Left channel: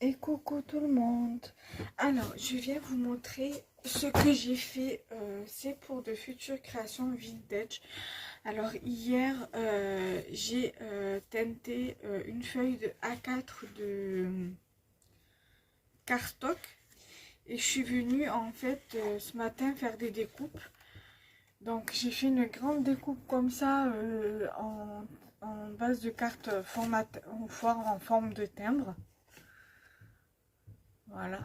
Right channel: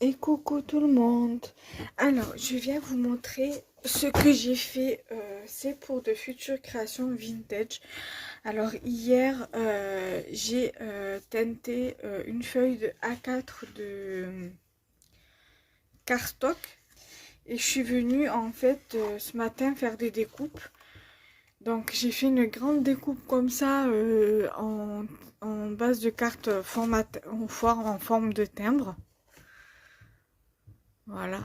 Et coucou tout le monde. Alors, je viens vous montrer ce que j'ai fait. C'est pour de futures créations vintage. Alors, hier, j'ai teinté une feuille de A4 de cardstock. Et je suis venue en fait ce matin faire des découpes. Donc, j'ai fait une grande découpe comme ça en base de carte en forme de timbre. Voilà.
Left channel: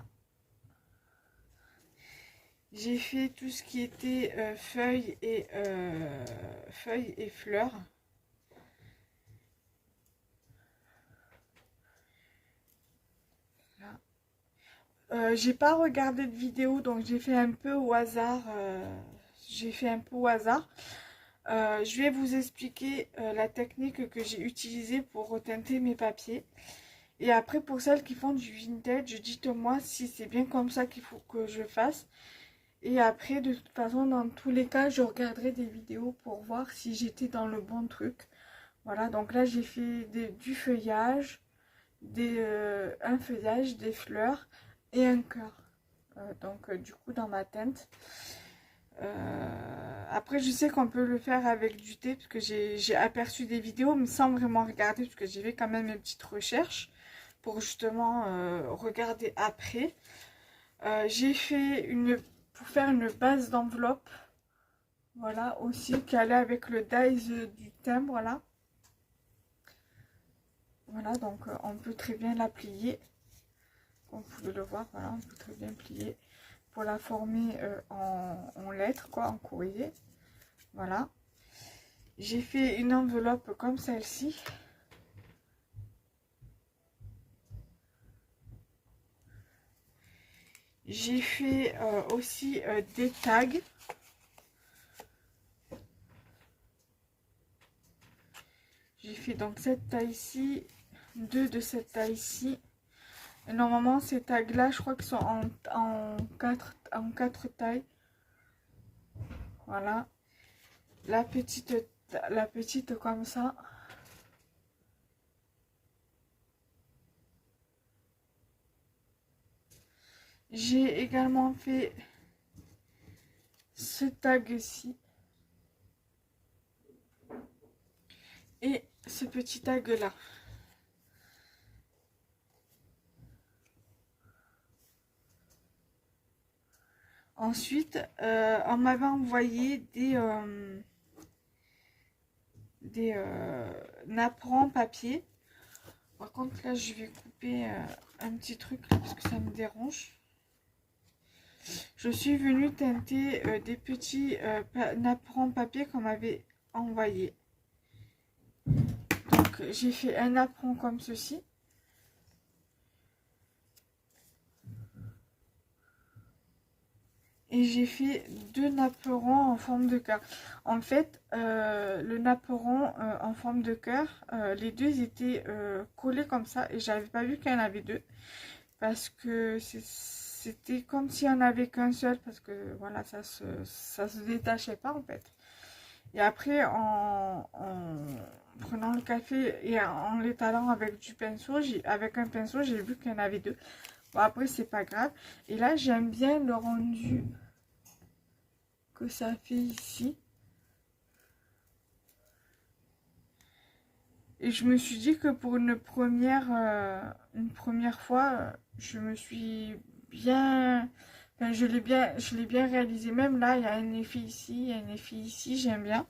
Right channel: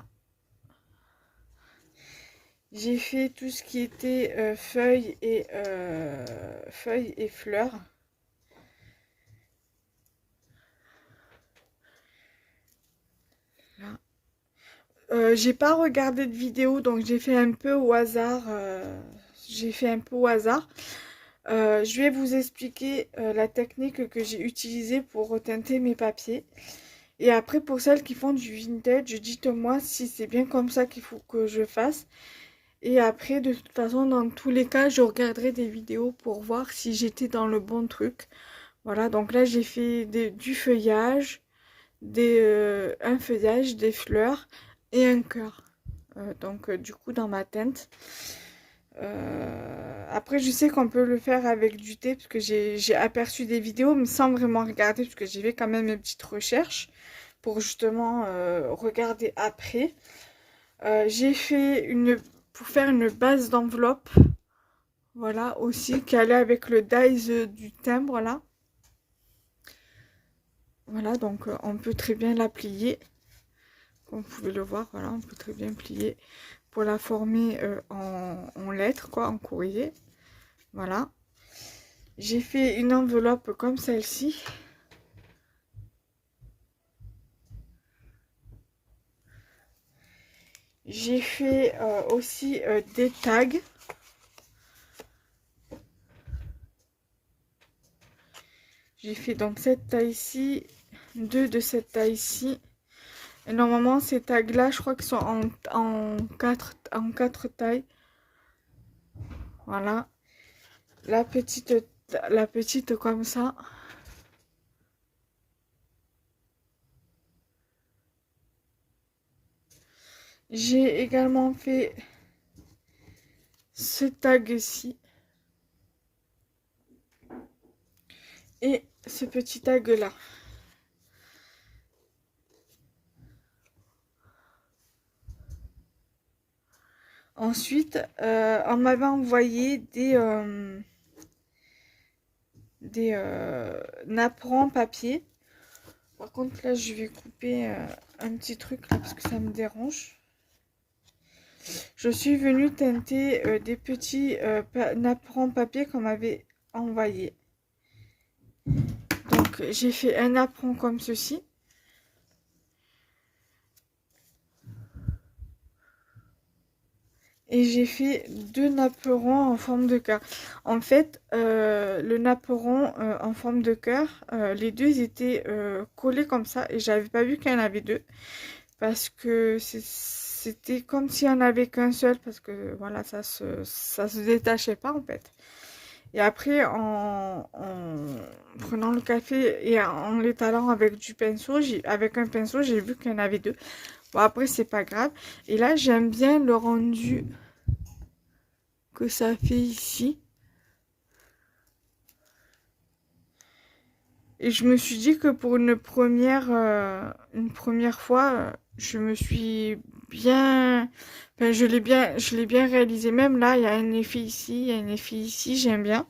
J'ai fait tout ce qui était feuilles et fleurs. Là. J'ai pas regardé de vidéo, donc j'ai fait un peu au hasard. Je vais vous expliquer la technique que j'ai utilisée pour reteinter mes papiers. Et après, pour celles qui font du vintage, dites-moi si c'est bien comme ça qu'il faut que je fasse. Et après, de toute façon, dans tous les cas, je regarderai des vidéos pour voir si j'étais dans le bon truc. Voilà, donc là j'ai fait du feuillage, un feuillage, des fleurs et un cœur. Du coup dans ma teinte. Après je sais qu'on peut le faire avec du thé parce que j'ai aperçu des vidéos mais sans vraiment regarder parce que j'ai fait quand même mes petites recherches pour justement regarder après. J'ai fait pour faire une base d'enveloppe. Voilà aussi qui allait avec le dies du timbre là. Voilà, donc on peut très bien la plier. Comme vous pouvez le voir, voilà, on peut très bien plier pour la former en lettres, quoi, en courrier. Voilà. J'ai fait une enveloppe comme celle-ci. J'ai fait aussi des tags. J'ai fait donc cette taille-ci, deux de cette taille-ci. Et normalement, ces tags-là, je crois qu'ils sont en quatre tailles. Voilà. La petite comme ça. J'ai également fait ce tag-ci. Et ce petit tag-là. Ensuite, on m'avait envoyé des napperons papier. Par contre, là, je vais couper un petit truc là, parce que ça me dérange. Je suis venue teinter des petits napperons papier qu'on m'avait envoyé. Donc, j'ai fait un napperon comme ceci. Et j'ai fait deux napperons en forme de cœur. En fait, le napperon en forme de cœur, les deux étaient collés comme ça et j'avais pas vu qu'il y en avait deux parce que c'était comme s'il n'y en avait qu'un seul parce que voilà, ça se détachait pas en fait. Et après, en prenant le café et en l'étalant avec avec un pinceau, j'ai vu qu'il y en avait deux. Bon, après, c'est pas grave. Et là, j'aime bien le rendu que ça fait ici. Et je me suis dit que pour une première fois, je me suis bien, enfin, je l'ai bien réalisé. Même là, il y a un effet ici, il y a un effet ici, j'aime bien.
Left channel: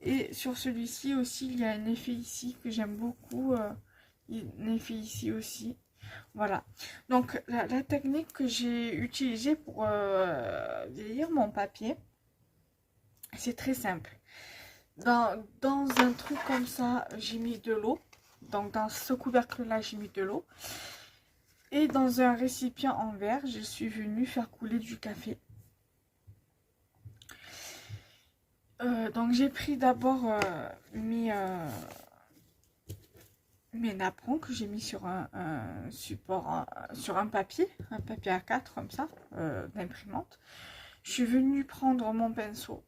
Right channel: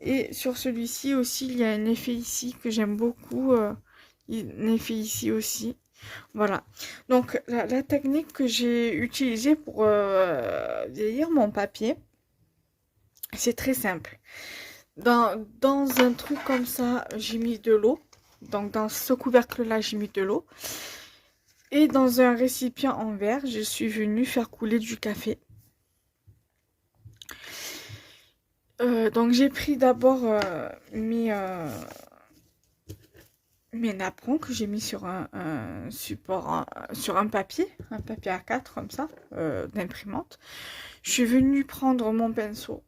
Et sur celui-ci aussi, il y a un effet ici que j'aime beaucoup, un effet ici aussi. Voilà. Donc la technique que j'ai utilisée pour vieillir mon papier, c'est très simple. Dans un truc comme ça, j'ai mis de l'eau. Donc dans ce couvercle-là, j'ai mis de l'eau. Et dans un récipient en verre, je suis venue faire couler du café. Donc j'ai pris d'abord mes napperons que j'ai mis sur un support, sur un papier A4 comme ça, d'imprimante. Je suis venue prendre mon pinceau.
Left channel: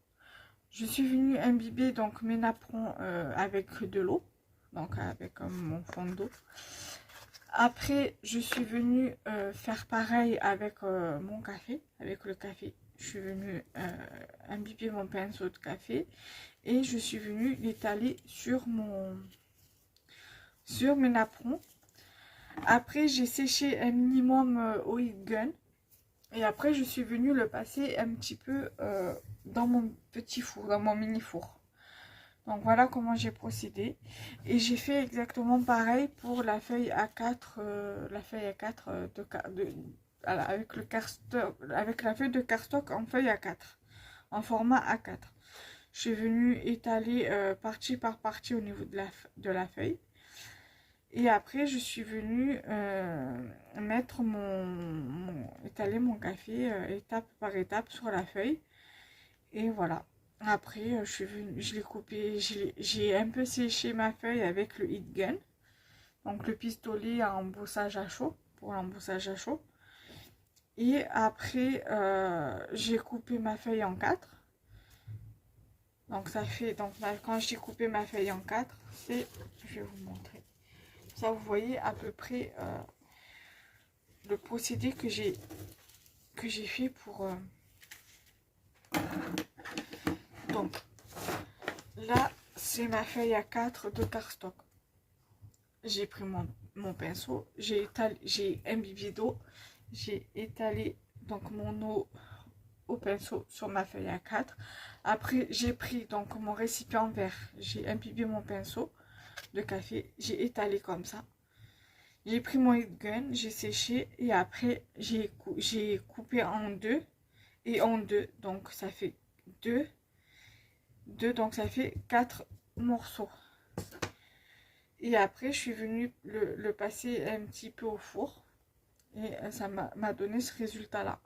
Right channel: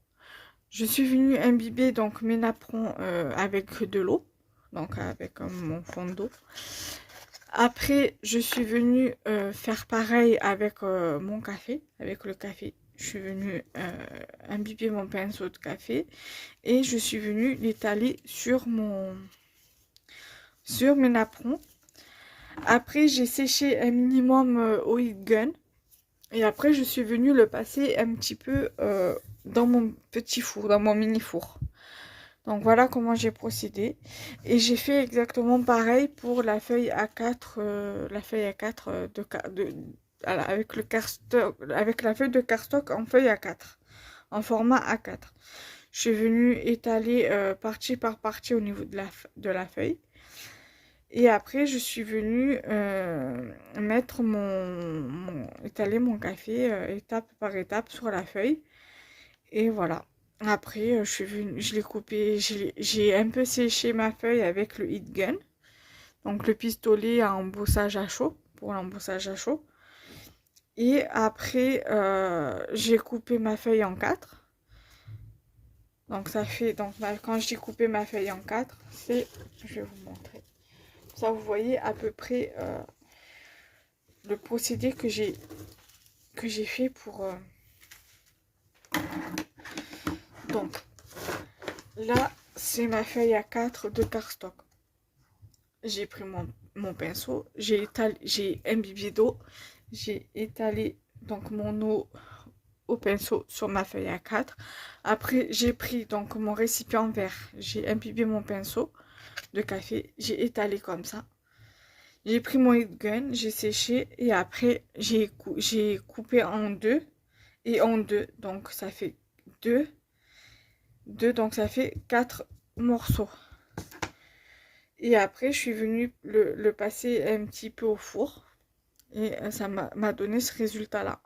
Je suis venue imbiber donc mes napperons avec de l'eau, donc avec mon fond d'eau. Après, je suis venue faire pareil avec mon café, avec le café. Je suis venue imbiber mon pinceau de café et je suis venue l'étaler sur mes napperons. Après, j'ai séché un minimum au heat gun. Et après, je suis venue le passer un petit peu dans mon petit four, dans mon mini four. Donc voilà comment j'ai procédé. Et j'ai fait exactement pareil pour la feuille A4, voilà, avec le cardstock, avec la feuille de cardstock en feuille A4, en format A4. Je suis venue étaler partie par partie au niveau de la feuille. Et après, je suis venue mettre étaler mon café étape par étape sur la feuille. Et voilà. Après, je suis venue, je l'ai coupé, j'ai un peu séché ma feuille avec le heat gun. Donc le pistolet à embossage à chaud, pour l'embossage à chaud. Et après, j'ai coupé ma feuille en 4. Donc ça fait, quand j'ai coupé ma feuille en 4, c'est, je vais vous montrer. Ça, vous voyez à peu près le procédé que j'ai fait pour... Donc, là, c'est ma feuille A4 de cardstock. J'ai pris mon pinceau, j'ai imbibé d'eau, j'ai étalé donc mon eau au pinceau sur ma feuille A4. Après, j'ai pris donc mon récipient vert, j'ai imbibé mon pinceau de café, j'ai étalé comme ça. J'ai pris mon heat gun, j'ai séché et après j'ai coupé en deux et en deux. Donc ça fait deux, donc ça fait 4 morceaux. Et après je suis venue le passer un petit peu au four et ça m'a donné ce résultat là.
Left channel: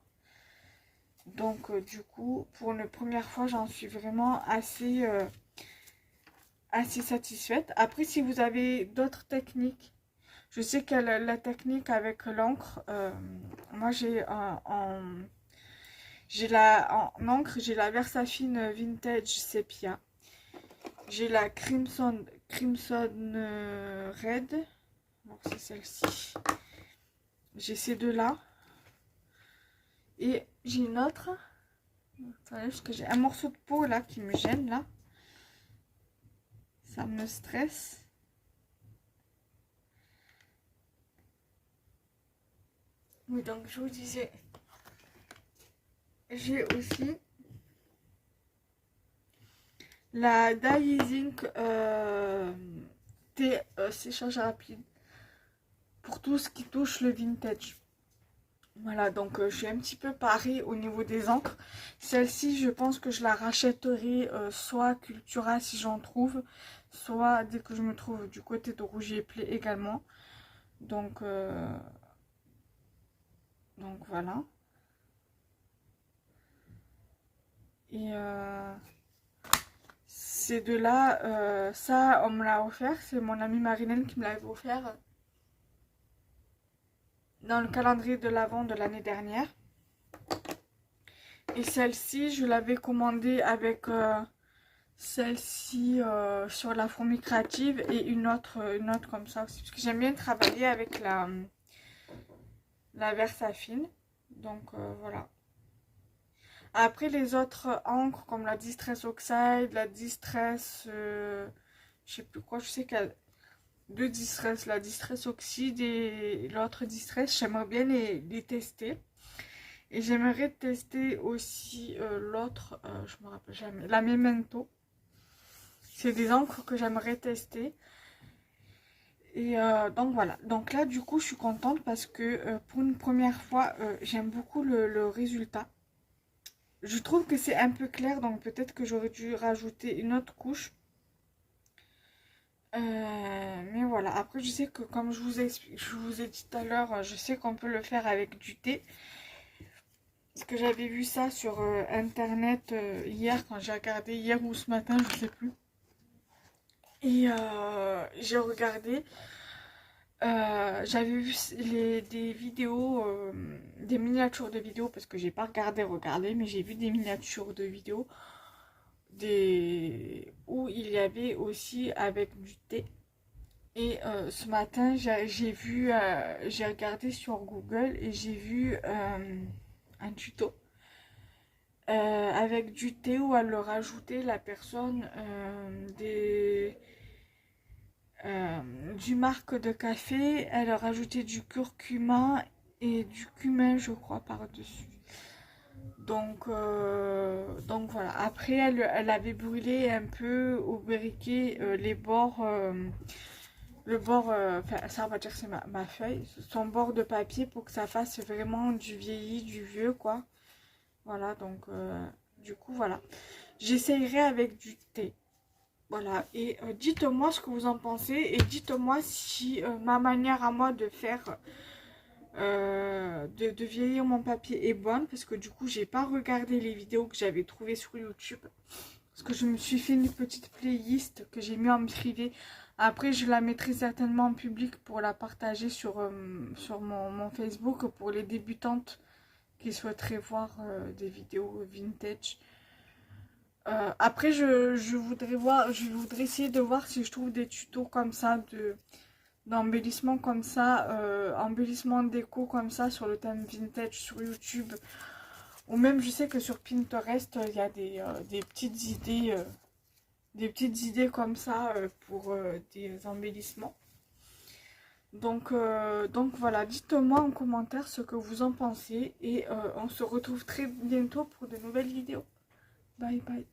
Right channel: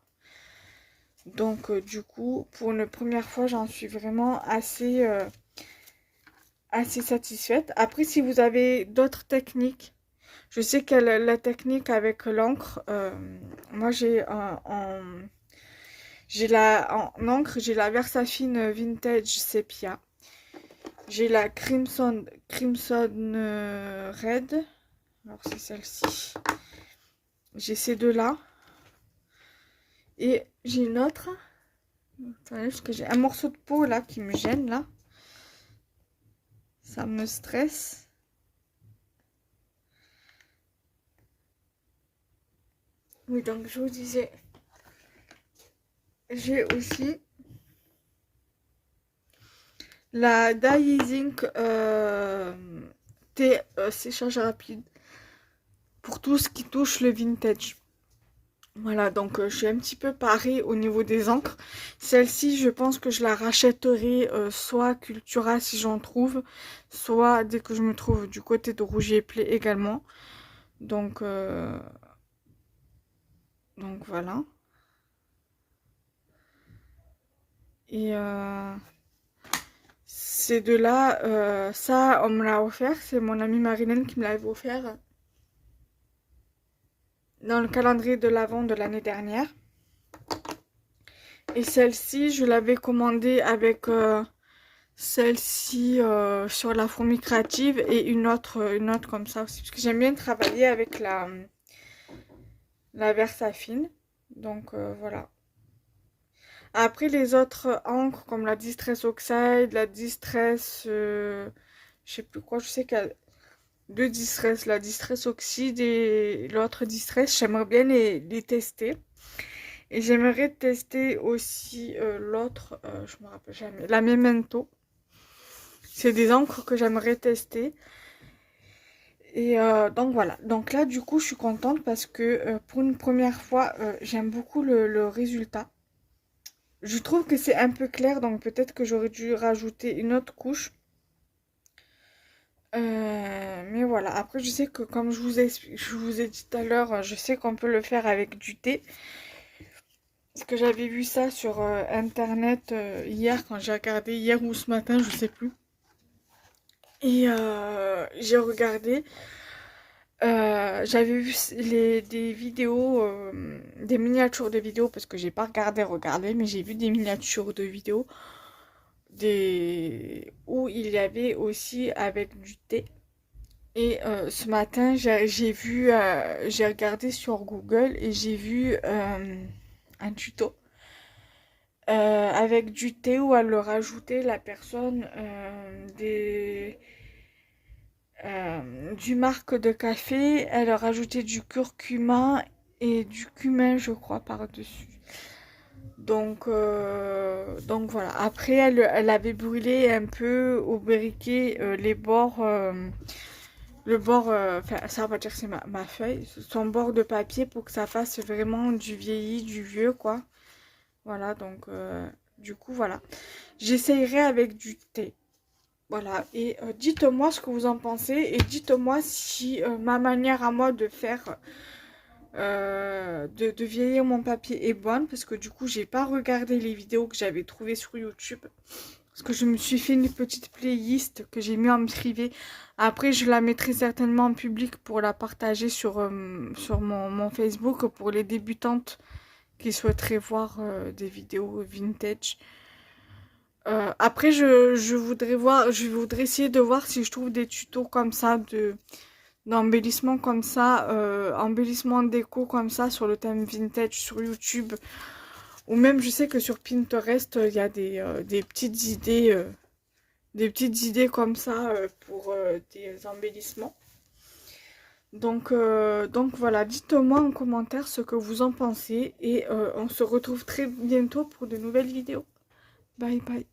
Donc du coup pour une première fois j'en suis vraiment assez satisfaite. Après si vous avez d'autres techniques, je sais que la technique avec l'encre, moi en encre, j'ai la Versafine Vintage Sepia. J'ai la Crimson Red. Alors c'est celle-ci. J'ai ces deux-là. Et j'ai une autre. Attendez, parce que j'ai un morceau de peau là qui me gêne là. Ça me stresse. Oui, donc je vous disais, j'ai aussi la Dye Zinc thé séchage rapide pour tout ce qui touche le vintage. Voilà, donc je suis un petit peu parée au niveau des encres. Celle-ci, je pense que je la rachèterai soit Cultura si j'en trouve, soit dès que je me trouve du côté de Rouge et Play également. Donc voilà. Et ces deux-là, ça, on me l'a offert. C'est mon amie Marilyn qui me l'avait offert dans le calendrier de l'Avent de l'année dernière. Et celle-ci, je l'avais commandée avec celle-ci sur la fourmi créative et une autre comme ça aussi. Parce que j'aime bien travailler avec la Versafine. Donc voilà. Après les autres encres comme la Distress Oxide, la Distress, je sais plus quoi, je sais qu'il y a deux Distress, la Distress Oxide et l'autre Distress, j'aimerais bien les tester. Et j'aimerais tester aussi l'autre, je me rappelle jamais, la Memento. C'est des encres que j'aimerais tester. Et donc voilà. Donc là, du coup, je suis contente parce que pour une première fois, j'aime beaucoup le résultat. Je trouve que c'est un peu clair, donc peut-être que j'aurais dû rajouter une autre couche. Mais voilà. Après, je sais que comme je vous ai dit tout à l'heure, je sais qu'on peut le faire avec du thé. Parce que j'avais vu ça sur internet hier, quand j'ai regardé, hier ou ce matin, je sais plus. Et j'ai regardé, j'avais vu des vidéos, des miniatures de vidéos, parce que j'ai pas regardé, mais j'ai vu des miniatures de vidéos où il y avait aussi avec du thé. Et ce matin, j'ai regardé sur Google et j'ai vu un tuto avec du thé où elle leur rajoutait la personne du marque de café, elle leur rajoutait du curcuma et du cumin, je crois, par-dessus. Donc voilà. Après, elle avait brûlé un peu au briquet les bords, le bord, enfin, ça on va dire que c'est ma feuille, son bord de papier pour que ça fasse vraiment du vieilli, du vieux, quoi. Voilà, donc du coup, voilà. J'essayerai avec du thé. Voilà, et dites-moi ce que vous en pensez et dites-moi si ma manière à moi de faire, de vieillir mon papier est bonne parce que du coup, j'ai pas regardé les vidéos que j'avais trouvées sur YouTube parce que je me suis fait une petite playlist que j'ai mis en privé. Après, je la mettrai certainement en public pour la partager sur mon Facebook pour les débutantes qui souhaiteraient voir des vidéos vintage. Après, je voudrais essayer de voir si je trouve des tutos comme ça, d'embellissement comme ça, embellissement déco comme ça sur le thème vintage sur YouTube. Ou même, je sais que sur Pinterest, il y a des petites idées comme ça pour des embellissements. Donc voilà, dites-moi en commentaire ce que vous en pensez et on se retrouve très bientôt pour de nouvelles vidéos. Bye bye.